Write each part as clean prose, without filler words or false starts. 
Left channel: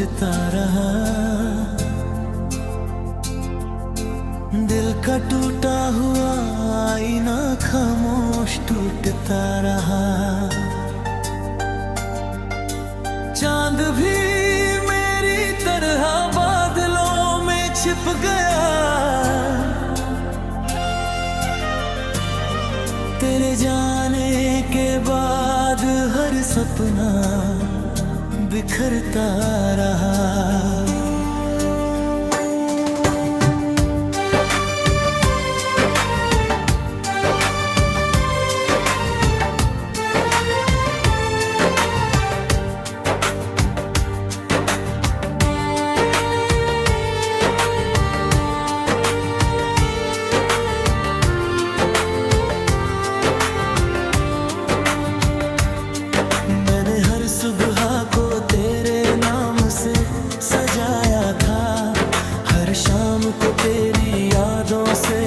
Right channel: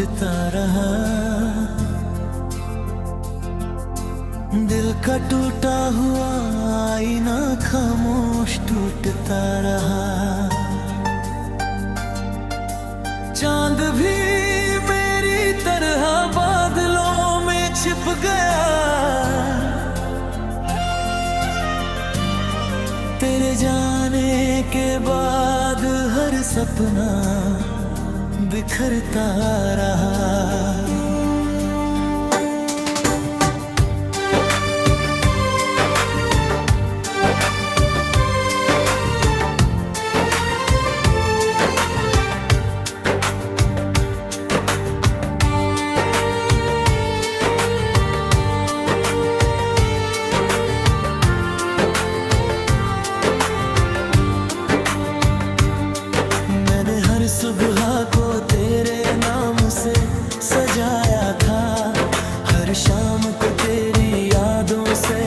खोजता रहा, दिल का टूटा हुआ आईना खामोश टूटता रहा। चांद भी मेरी तरह बादलों में छिप गया, तेरे जाने के बाद हर सपना बिखरता रहा। हर सुबह को तेरे नाम से सजाया था, हर शाम को तेरी यादों से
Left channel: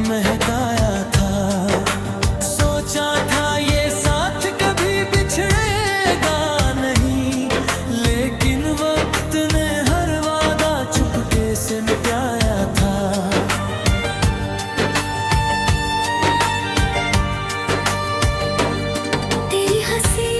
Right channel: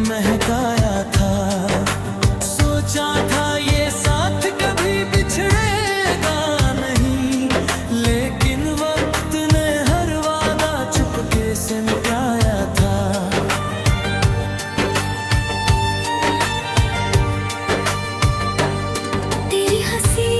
महकाया था। सोचा था ये साथ कभी बिछड़ेगा नहीं, लेकिन वक्त ने हर वादा चुपके से मिटाया था। तेरी हंसी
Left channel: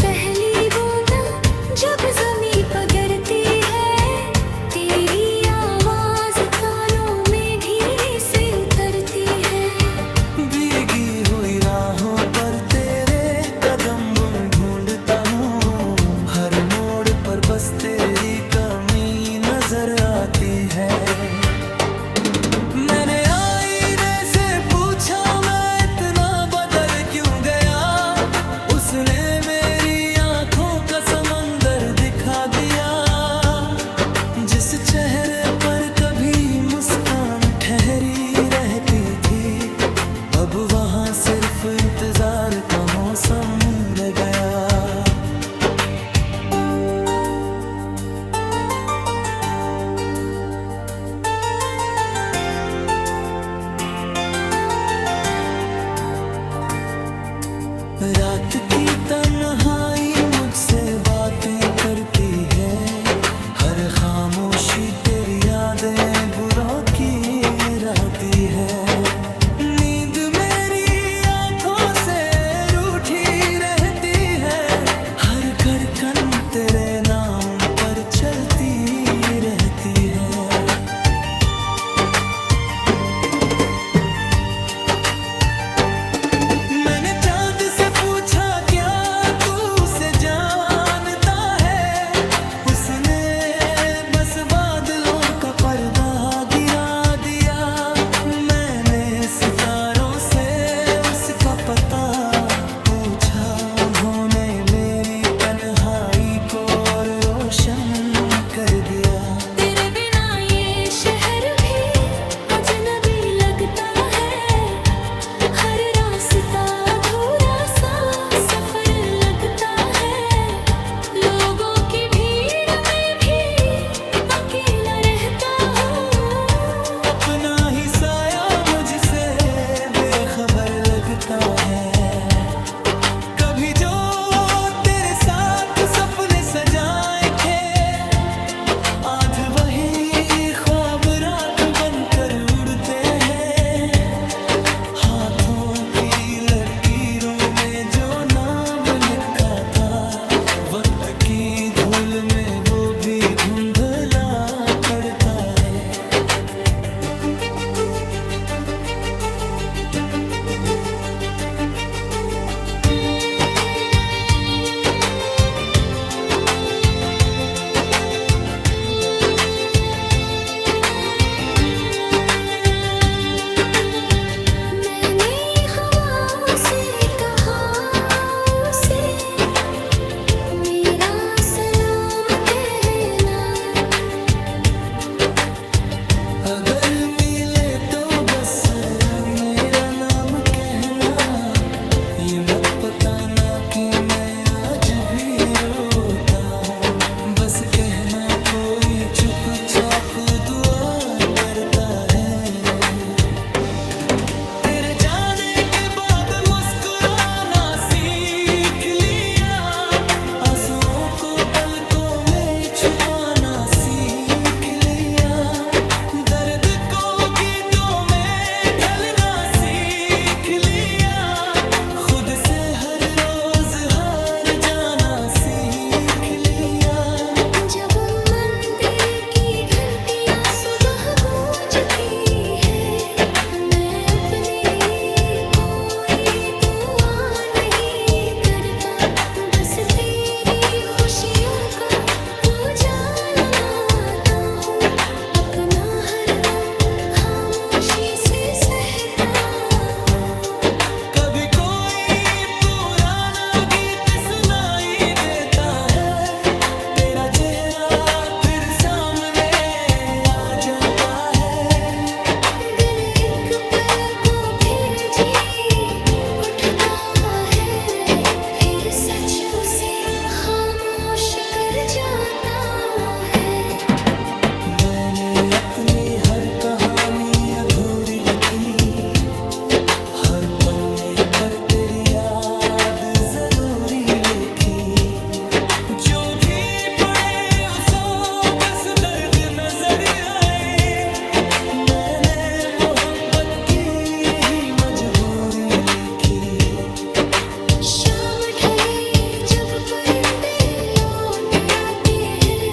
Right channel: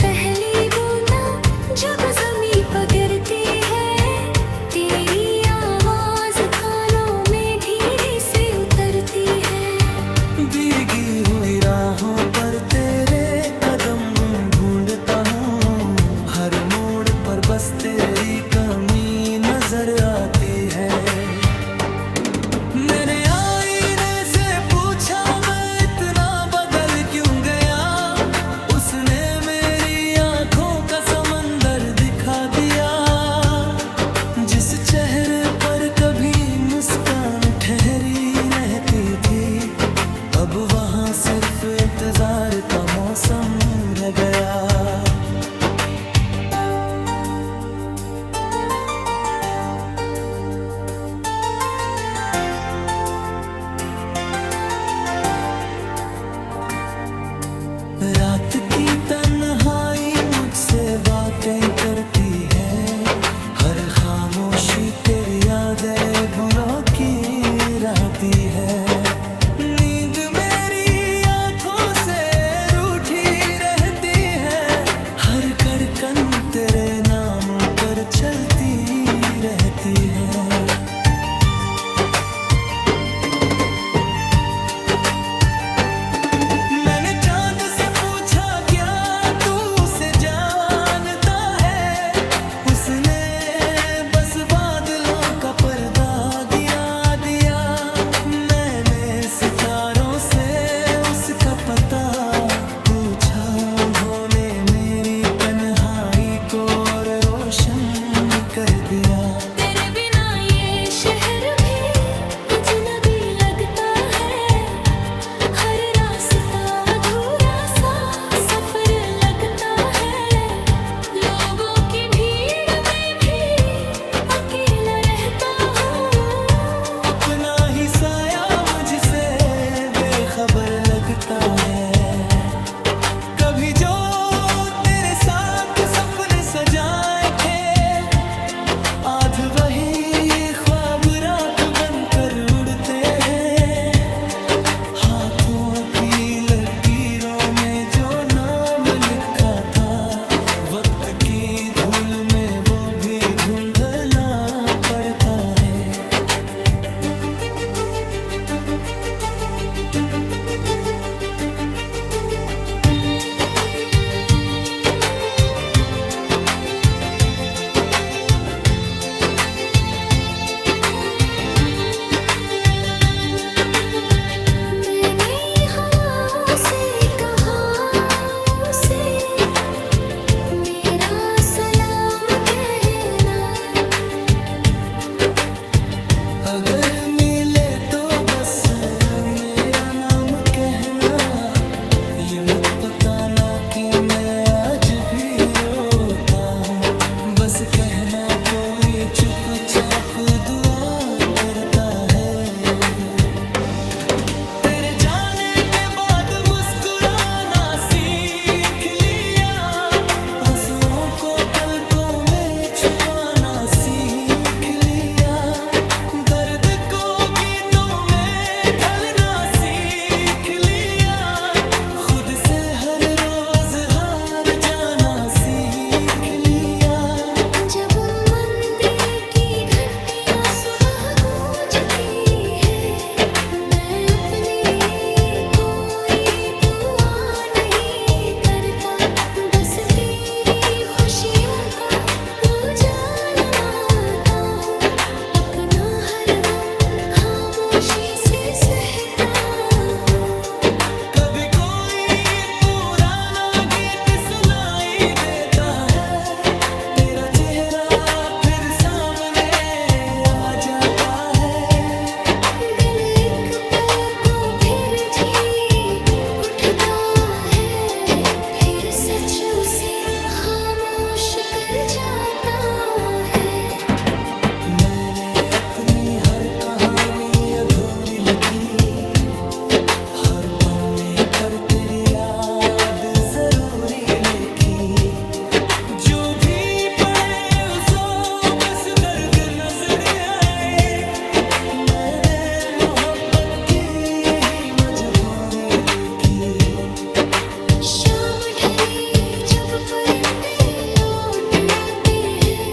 पहली बूंदा जब ज़मीं पर गिरती है, तेरी आवाज़ कानों में धीरे से उतरती है। भीगी हुई राहों पर तेरे कदम ढूंढता हूँ, हर मोड़ पर बस तेरी कमी नजर आती है। मैंने आईने से पूछा मैं इतना बदल क्यों गया, उसने का समंदर दिखा दिया। जिस चेहरे पर कभी मुस्कान ठहरी रहती थी, अब वहाँ सिर्फ इंतजार का मौसम रह गया। रात की तन्हाई मुझसे बातें करती है, हर खामोशी तेरी यादें बुलों की राती है। नींद मेरी आंखों से रूठी रहती है, हर धड़कन तेरे नाम पर चलती रहती है। पर्दा गिरा दिया, मैंने सितारों से उसका पता पूछा। उन्होंने मेरी तन्हाई को और रोशन कर दिया। तेरे बिना ये शहर भी अजनबी लगता है, हर रास्ता अधूरा सा सफर लगता है। लोगों की भीड़ में भी अकेला अपना ही साया मुझसे बेखबर लगता है। कभी जो तेरे साथ सपने सजाए थे, आज वही ख्वाब राख बनकर उड़ते हैं। हाथों की लकीरों में जो नाम लिखा था, वक्त की धूल में वो भी धुंधला पड़ता है। बताना कि मैं आज भी रोता हूँ। बस कहना कोई चुपचाप दुआ करता है। तेरे जाने के बाद मुस्कुराना सीख लिया, आंसुओं को पलकों में छुपाना सीख लिया, दर्द को गीतों में ढलना सीख लिया, खुद से हर रोज हार जाना सीख लिया। जब मंदिर की घंटियां सुबह गूंजती है, मैं अपने लिए कोई दुआ नहीं करता, बस तेरी खुशियों का उजाला माता हूँ। अपना हर गम खामोशी से सहता हूँ। कभी कोई पुराना गीत सुनाई देता है, तेरा चेहरा फिर सामने आ जाता है। दिल एक पल को फिर जी उठता है, फिर सच उसे खामोश कर जाता है। मैंने अपनी हर कहानी अधूरी लिखी, हर पन्ने पर तेरी याद जरूरी लिखी। जो भी पढ़े उसो बस दर्द नजर आए, मैंने मोहब्बत की यही मजबूरी लिखी। शाम ढले जब परिंदे लौट आते हैं,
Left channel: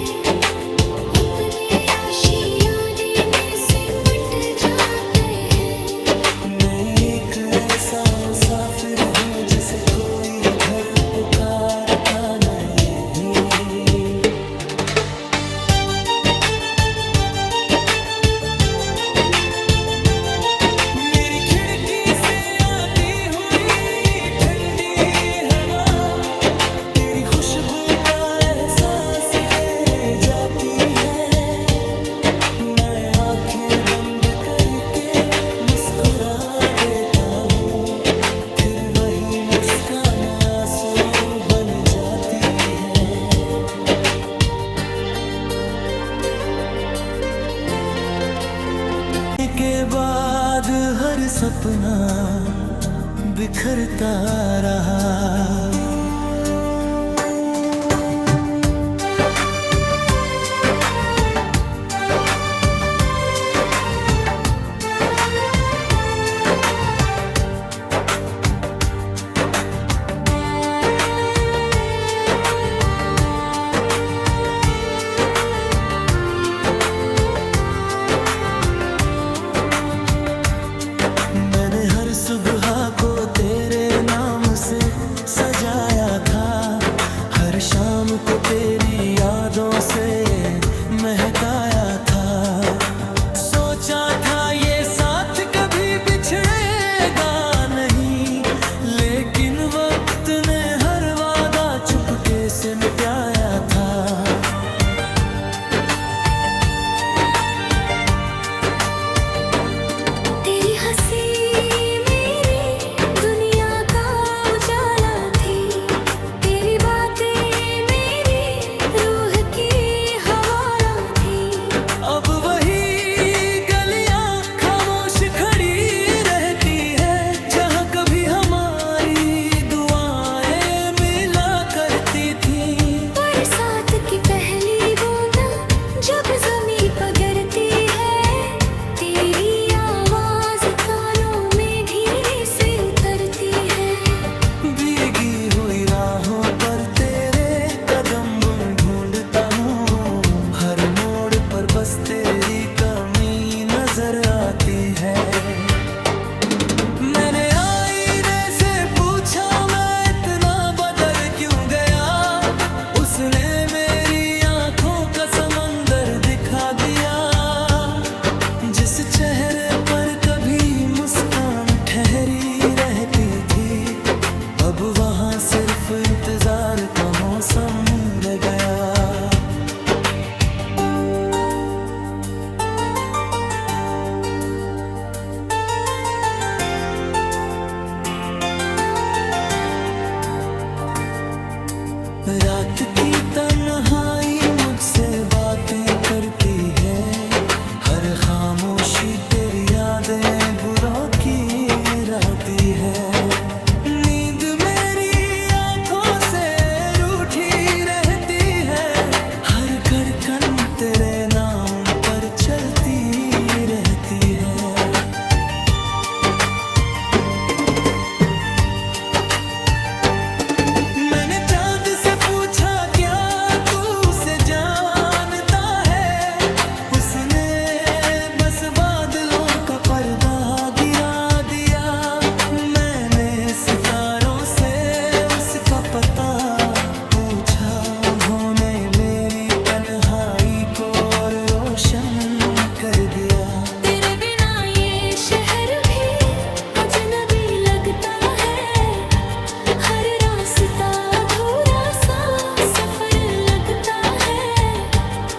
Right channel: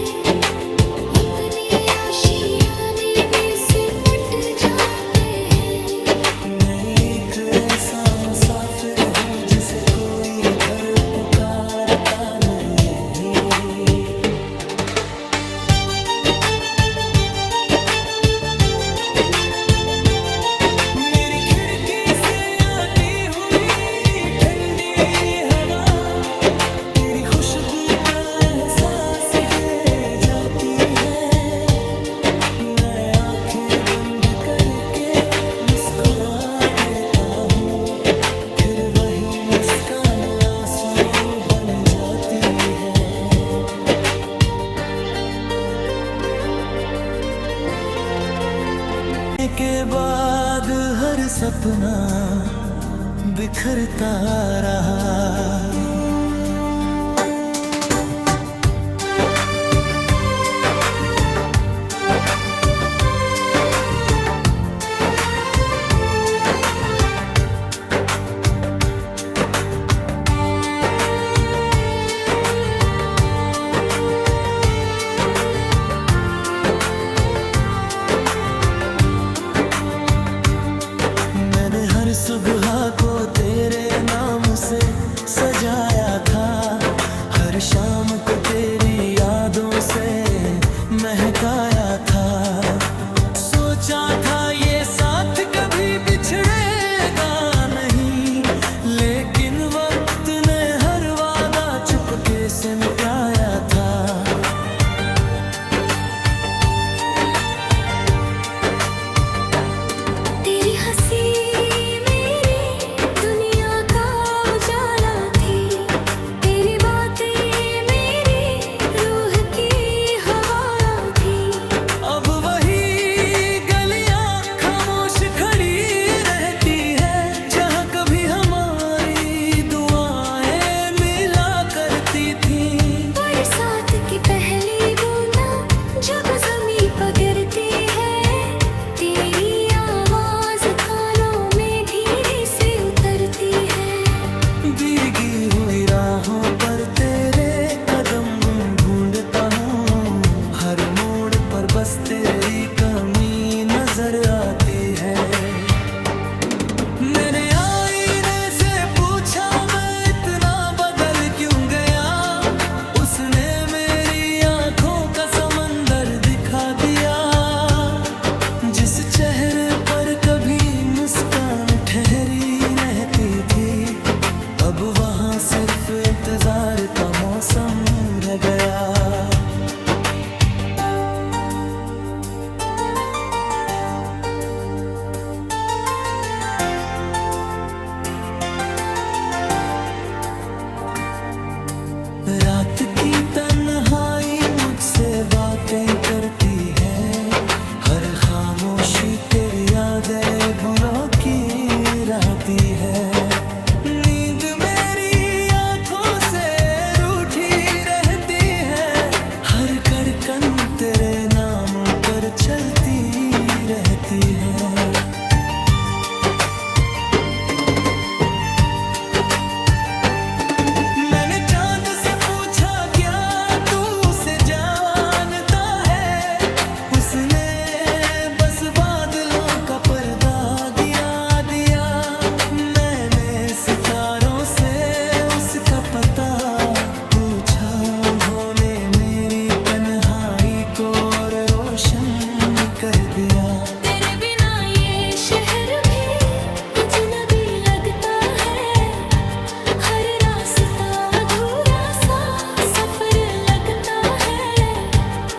अपने आशियाने में सिमट जाते हैं। मैं एक ऐसा मुसाफिर हूँ जिसे कोई घर पुकारता नहीं। मेरी खिड़की से आती हुई ठंडी हवा तेरी खुशबू का एहसास दे जाती है। मैं आंखें बंद करके मुस्कुरा देता हूँ, फिर वही मुस्कान आंसू बन जाती है। के बाद हर सपना बिखरता रहा। मैंने हर सुबह को तेरे नाम से सजाया था, हर शाम को तेरी यादों से महकाया था। सोचा था ये साथ कभी बिछड़ेगा नहीं, लेकिन वक्त ने हर वादा चुपके से मिटाया था। तेरी हंसी मेरी दुनिया का उजाला थी, तेरी बातें मेरी रूह की हवा थी। अब वही गलियां खामोश खड़ी रहती है, जहाँ कभी हमारी दुआएं मिला करती थी। बरसात की पहली बूंदा जब ज़मीं पर गिरती है, तेरी आवाज़ कानों में धीरे से उतरती है। भीगी हुई राहों पर तेरे कदम ढूंढता हूँ, हर मोड़ पर बस तेरी कमी नजर आती है। मैंने आईने से पूछा मैं इतना बदल क्यों गया, उसने मेरी आंखों का समंदर दिखा दिया। जिस चेहरे पर कभी मुस्कान ठहरी रहती थी, अब वहाँ सिर्फ इंतजार का मौसम रह गया। रात की तन्हाई मुझसे बातें करती है, हर खामोशी तेरी यादें बुरों की राती है। नींद मेरी आंखों से रूठी रहती है, हर धड़कन तेरे नाम पर चलती रहती है। मैंने चांद से पूछा क्या तू उसे जानता है, उसने बस बादलों का पर्दा गिरा दिया। मैंने सितारों से उसका पता पूछा, उन्होंने मेरी तन्हाई को और रोशन कर दिया। तेरे बिना ये शहर भी अजनबी लगता है, हर रास्ता अधूरा सा सफर लगता है।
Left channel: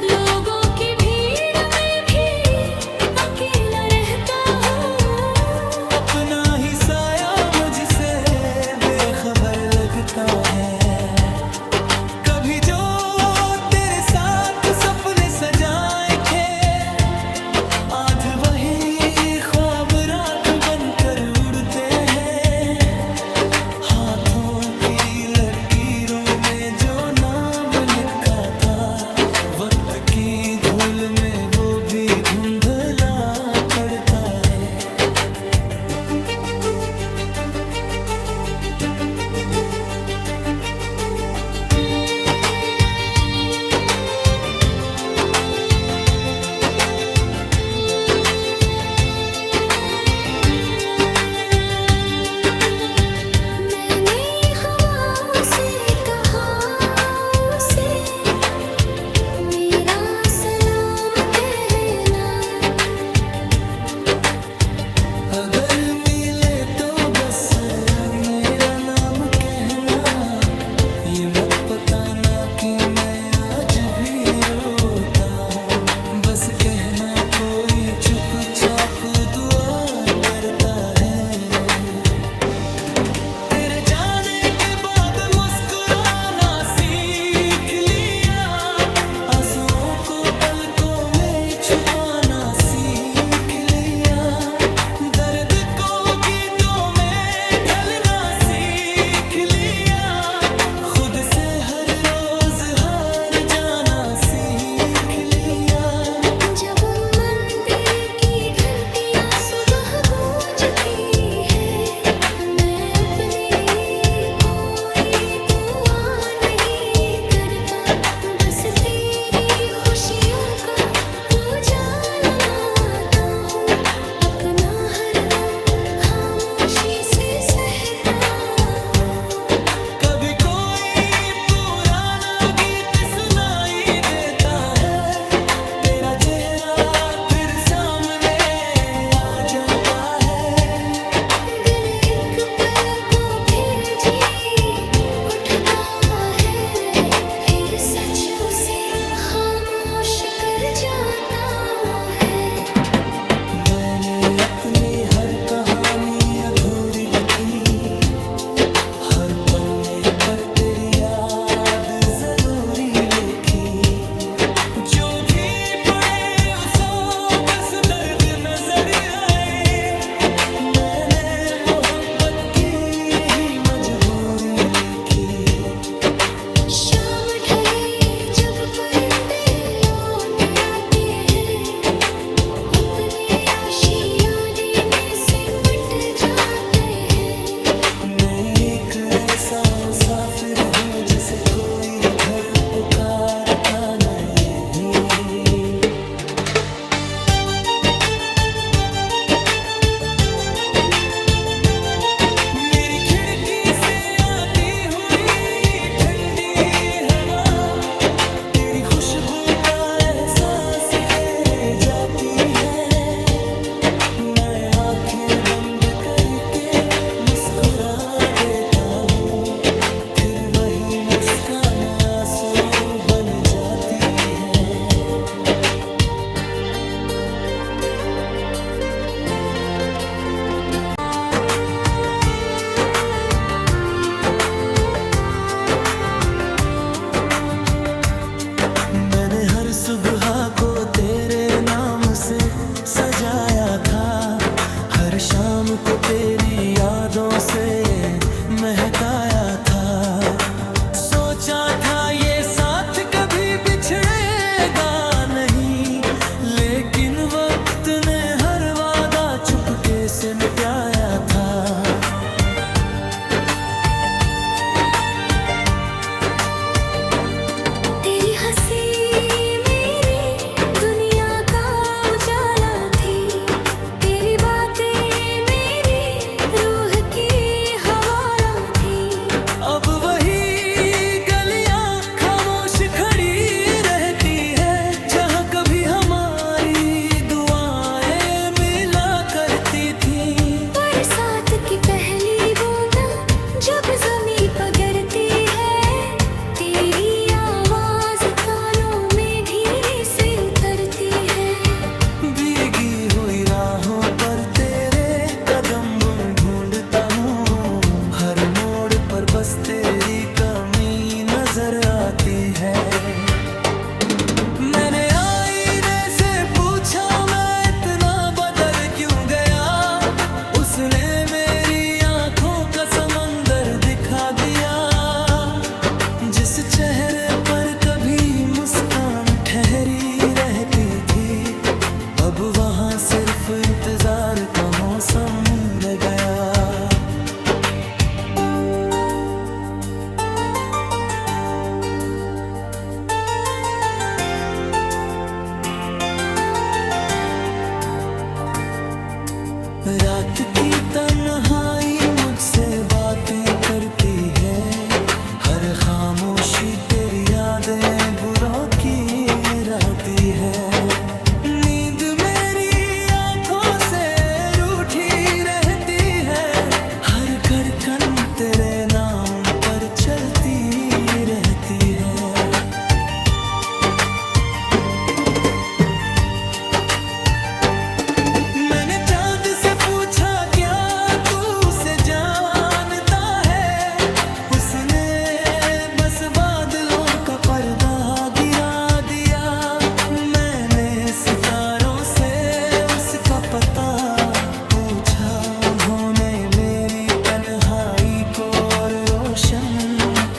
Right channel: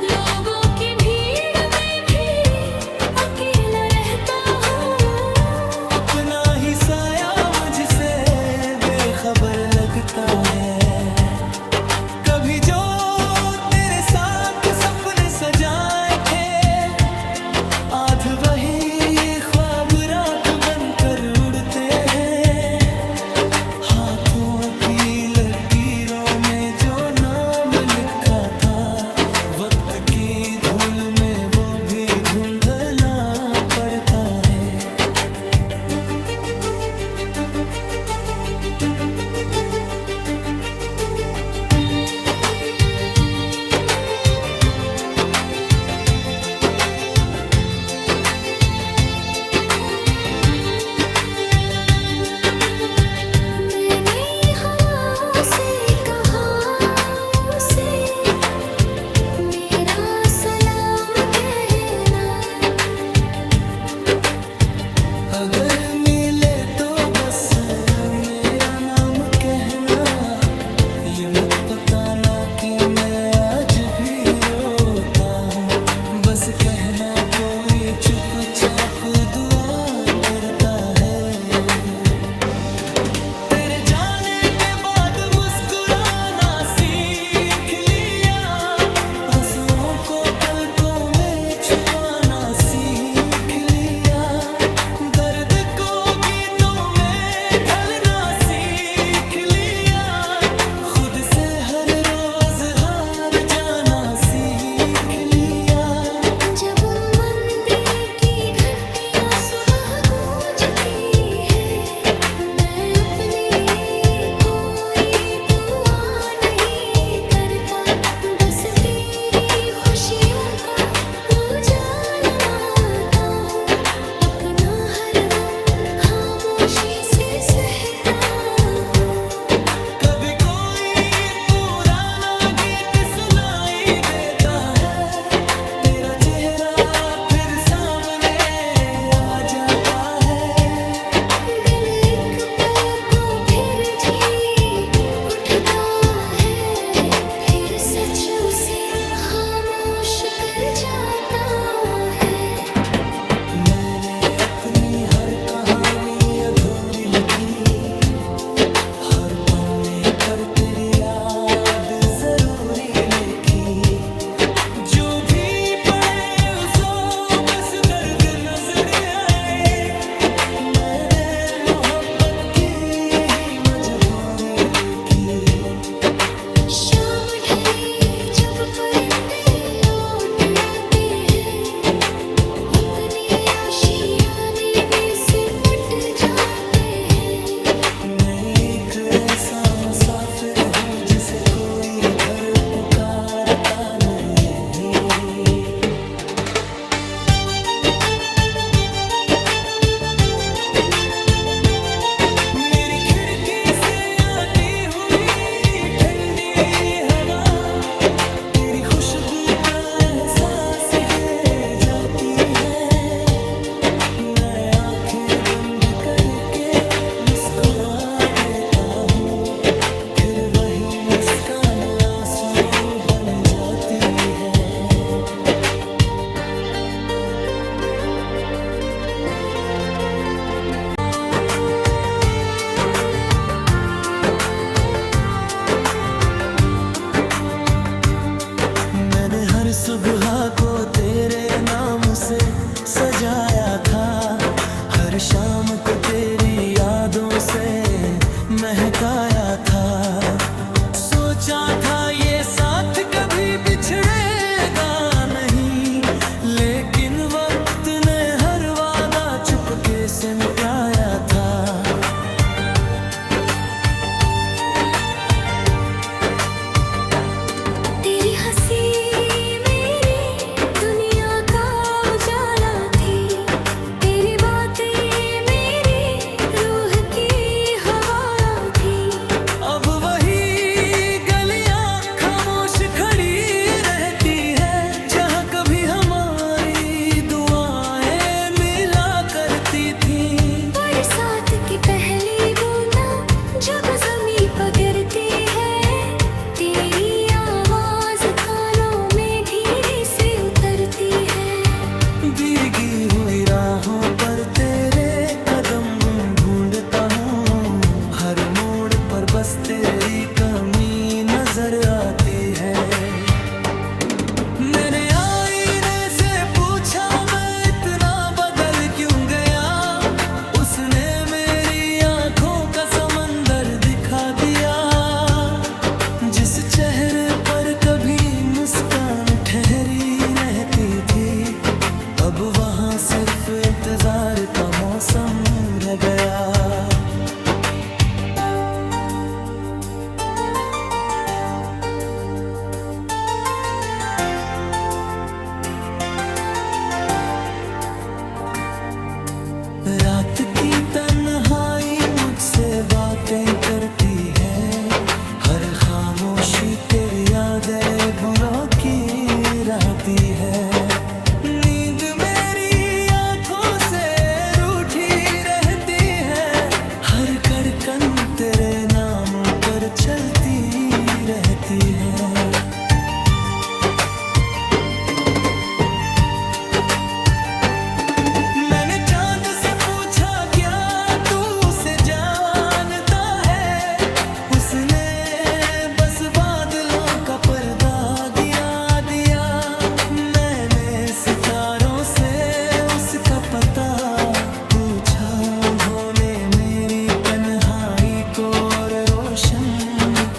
लोगों की भीड़ में भी अकेला रहता हूँ, अपना ही साया मुझसे बेखबर लगता है। कभी जो तेरे साथ सपने सजाए थे, आज वही ख्वाब राख बनकर उड़ते हैं। हाथों की लकीरों में जो नाम लिखा था, वक्त की धूल में वो भी धुंधला पड़ता है। मैंने हवाओं से कहा उसे मेरा सलाम कहना। अगर मिले तो बस मेरा नाम कहना, ये मत बताना कि मैं आज भी रोता हूँ। बस कहना कोई चुपचाप दुआ करता है। तेरे जाने के बाद मुस्कुराना सीख लिया, आंसुओं को पलकों में छुपाना सीख लिया। दर्द को गीतों में ढलना सीख लिया, खुद से हर रोज हार जाना सीख लिया। जब मंदिर की घंटियां सुबह गूंजती है, मैं अपने लिए कोई दुआ नहीं करता, बस तेरी खुशियों का उजाला मारता हूँ। अपना हर गम खामोशी से सहता हूँ। कभी कोई पुराना गीत सुनाई देता है, तेरा चेहरा फिर सामने आ जाता है। दिल एक पल को फिर जी उठता है, फिर सच उसे खामोश कर जाता है। मैंने अपनी हर कहानी अधूरी लिखी, हर पन्ने पर तेरी याद जरूरी लिखी। जो भी पढ़े उसो बस दर्द नजर आए, मैंने मोहब्बत की यही मजबूरी लिखी। शाम ढले जब परिंदे लौट आते हैं, अपने आशियाने में सिमट जाते हैं। मैं एक ऐसा मुसाफिर हूँ जिसे कोई घर पुकारता नहीं। मेरी खिड़की से आती हुई ठंडी हवा, तेरी खुशबू का एहसास दे जाती है। मैं आंखें बंद करके मुस्कुरा देता हूँ, फिर वही मुस्कान आंसू बन जाती है। को तेरी यादों से महकाया था। सोचा था ये साथ कभी बिछड़ेगा नहीं, लेकिन वक्त ने हर वादा चुपके से मिटाया था। तेरी हंसी मेरी दुनिया का उजाला थी, तेरी बातें मेरी रूह की हवा थी। अब वही गलियां खामोश खड़ी रहती है, जहाँ कभी हमारी दुआएं मिला करती थी। बरसात की पहली बूंदा जब ज़मीं पर गिरती है, तेरी आवाज़ कानों में धीरे से उतरती है। भीगी हुई राहों पर तेरे कदम ढूंढता हूँ, हर मोड़ पर बस तेरी कमी नजर आती है। मैंने आईने से पूछा मैं इतना बदल क्यों गया, उसने मेरी आंखों का समंदर दिखा दिया। जिस चेहरे पर कभी मुस्कान ठहरी रहती थी, अब वहाँ सिर्फ इंतजार का मौसम रह गया। रात की तन्हाई मुझसे बातें करती है, हर खामोशी तेरी यादें बुरों की राती है। नींद मेरी आंखों से रूठी रहती है, हर धड़कन तेरे नाम पर चलती रहती है। मैंने चांद से पूछा क्या तू उसे जानता है, उसने बस बादलों का पर्दा गिरा दिया। मैंने सितारों से उसका पता पूछा, उन्होंने मेरी तन्हाई को और रोशन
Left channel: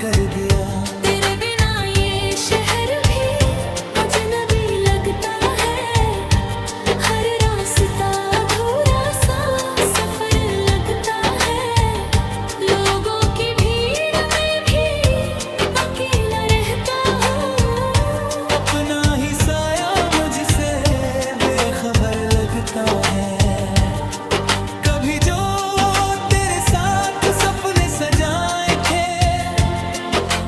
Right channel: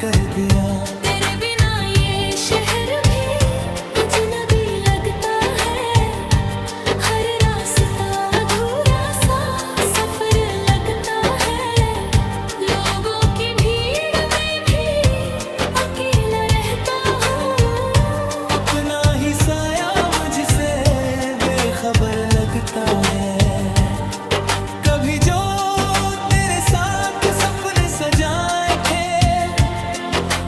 कर दिया। तेरे बिना ये शहर भी अजनबी लगता है, हर रास्ता अधूरा सा सफर लगता है। लोगों की भीड़ में भी अकेला रहता हूँ, अपना ही साया मुझसे बेखबर लगता है। कभी जो तेरे साथ सपने सजाए थे,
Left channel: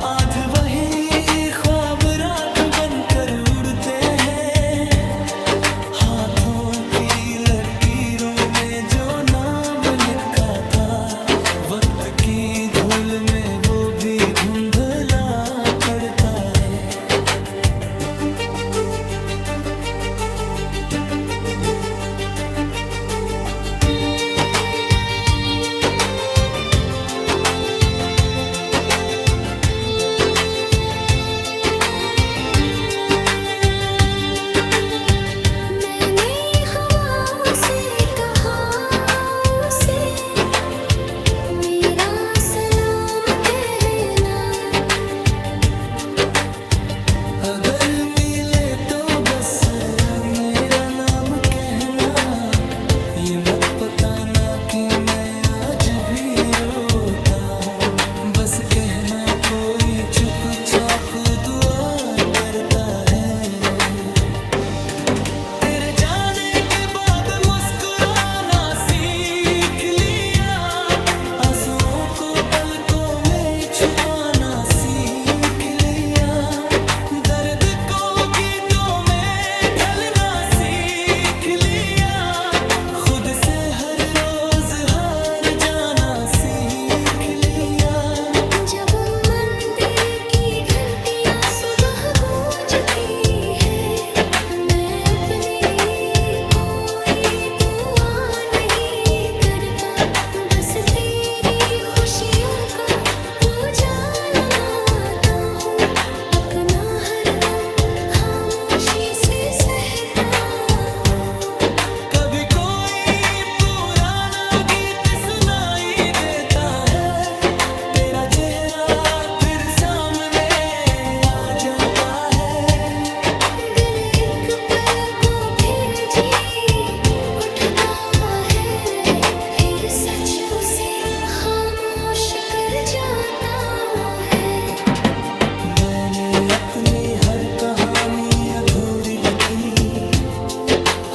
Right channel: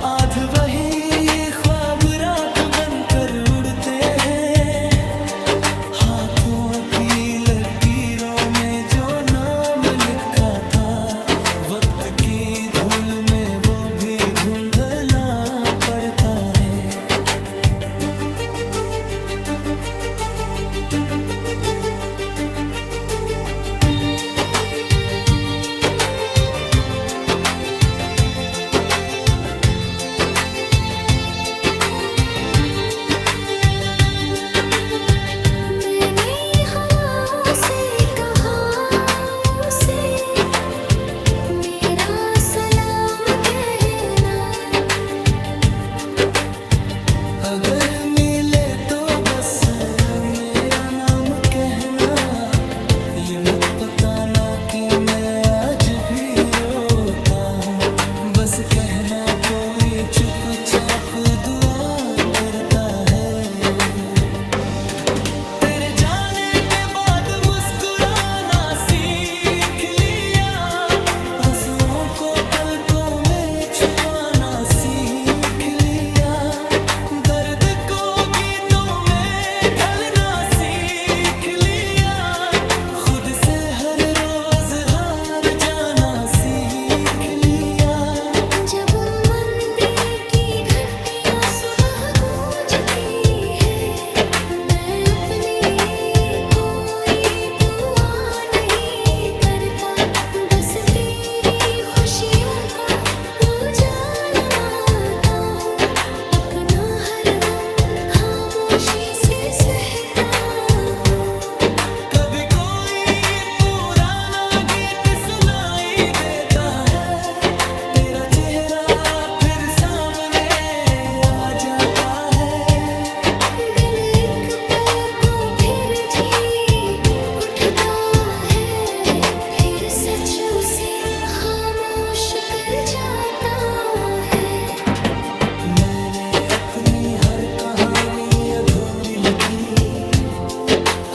आज वही ख्वाब राख बनकर उड़ते हैं। हाथों की लकीरों में जो नाम लिखा था, वक्त की धूल में वो भी धुंधला पड़ता है। मैंने हवाओं से कहा उसे मेरा सलाम कहना। अगर मिले तो बस मेरा नाम कहना, ये मत बताना कि मैं आज भी रोता हूँ। बस कहना कोई चुपचाप दुआ करता है। तेरे जाने के बाद मुस्कुराना सीख लिया, आंसुओं को पलकों में छुपाना सीख लिया। दर्द को गीतों में ढलना सीख लिया, खुद से हर रोज हार जाना सीख लिया। जब मंदिर की घंटियां सुबह गूंजती है, मैं अपने लिए कोई दुआ नहीं करता, बस तेरी खुशियों का उजाला माता हूँ। अपना हर गम खामोशी से सहता हूँ। कभी कोई पुराना गीत चूसे खामोश कर जाता है। मैंने अपनी हर कहानी अधूरी लिखी,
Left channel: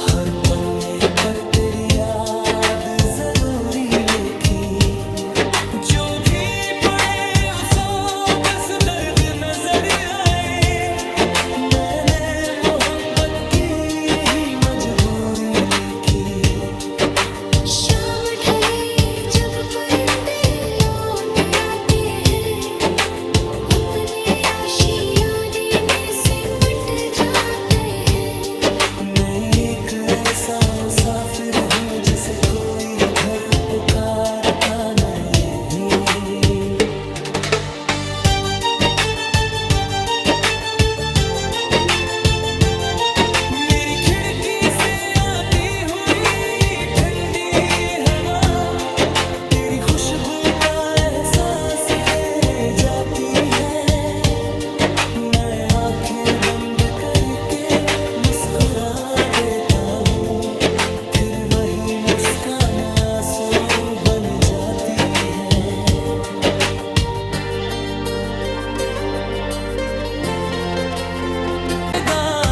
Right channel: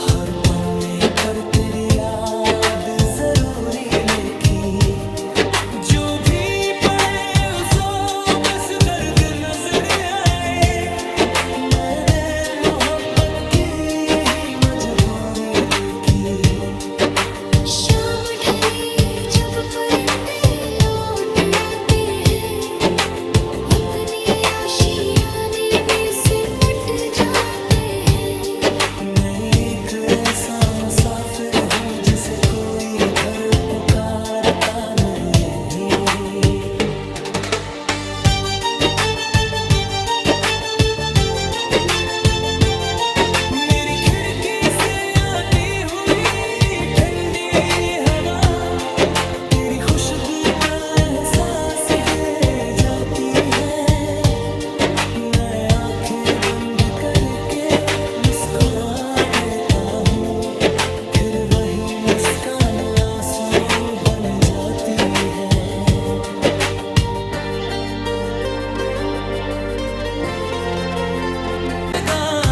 हर पन्ने पर तेरी याद जरूरी लिखी। जो भी पढ़े उसो बस दर्द नजर आए, मैंने मोहब्बत की यही मजबूरी लिखी। शाम ढले जब परिंदे लौट आते हैं, अपने आशियाने में सिमट जाते हैं। मैं एक ऐसा मुसाफिर हूँ जिसे कोई घर पुकारता नहीं। मेरी खिड़की से आती हुई ठंडी हवा तेरी खुशबू का एहसास दे जाती है। मैं आंखें बंद करके मुस्कुरा देता हूँ, फिर वही मुस्कान आंसू बन जाती है।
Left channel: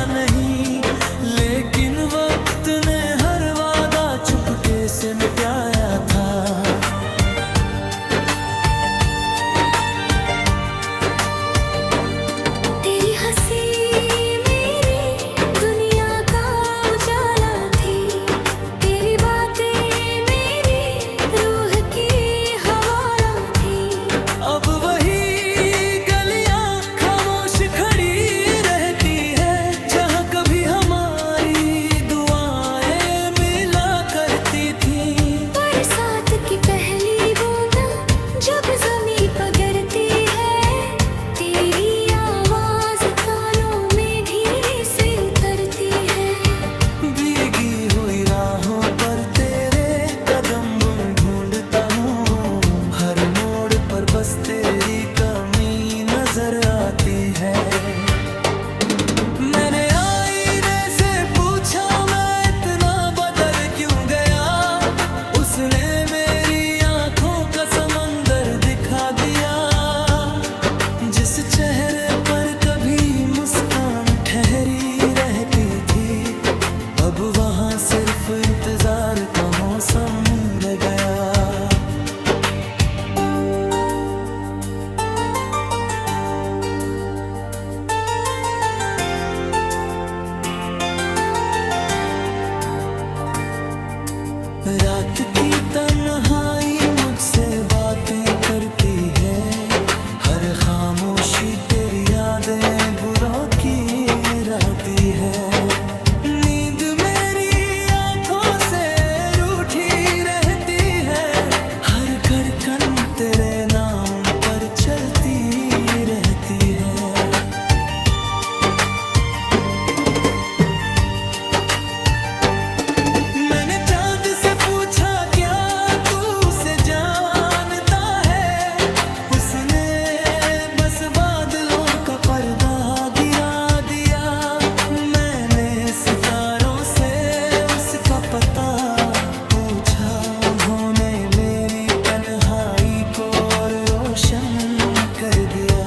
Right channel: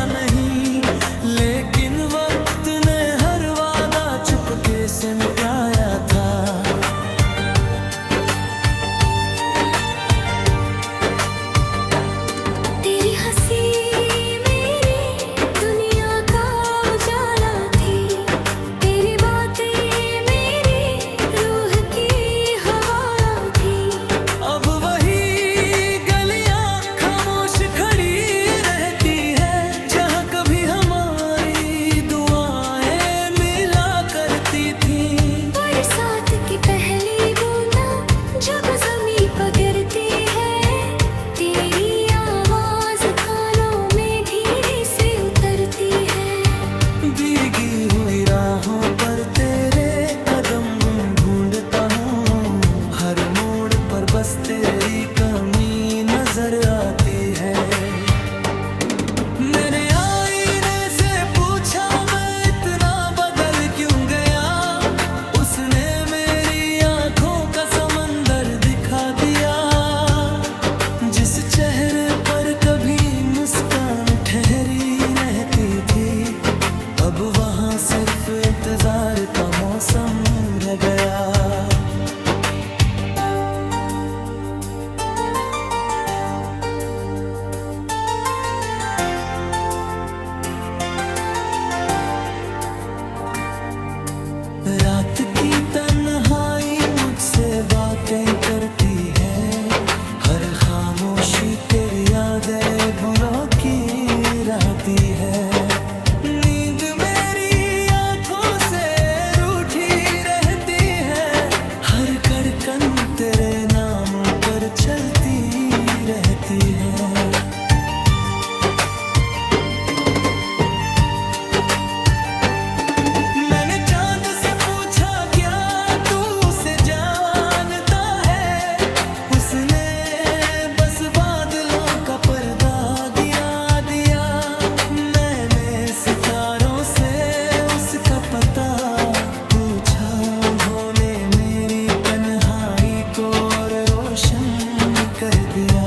नहीं, लेकिन वक्त ने हर वादा चुपके से मिटाया था। तेरी हंसी मेरी दुनिया का उजाला थी, तेरी बातें मेरी रूह की हवा थी। अब वही गलियां खामोश खड़ी रहती है, जहाँ कभी हमारी दुआएं मिला करती थी। बरसात की पहली बूंदा जब ज़मीं पर गिरती है, तेरी आवाज़ कानों में धीरे से उतरती है। भीगी हुई राहों पर तेरे कदम ढूंढता हूँ, हर मोड़ पर बस तेरी कमी नजर आती है। मैंने आईने से पूछा मैं इतना बदल क्यों गया, उसने मेरी आंखों का समंदर दिखा दिया। जिस चेहरे पर कभी मुस्कान ठहरी रहती थी, अब वहाँ सिर्फ इंतजार का मौसम रह गया। रात की तन्हाई मुझसे बातें करती है, हर खामोशी तेरी यादें बुरों की राती है। नींद मेरी आंखों से रूठी रहती है, हर धड़कन तेरे नाम पर चलती रहती है। मैंने चांद से पूछा क्या तू उसे जानता है, उसने बस बादलों का पर्दा गिरा दिया। मैंने सितारों से उसका पता पूछा, उन्होंने मेरी तन्हाई को और रोशन कर दिया।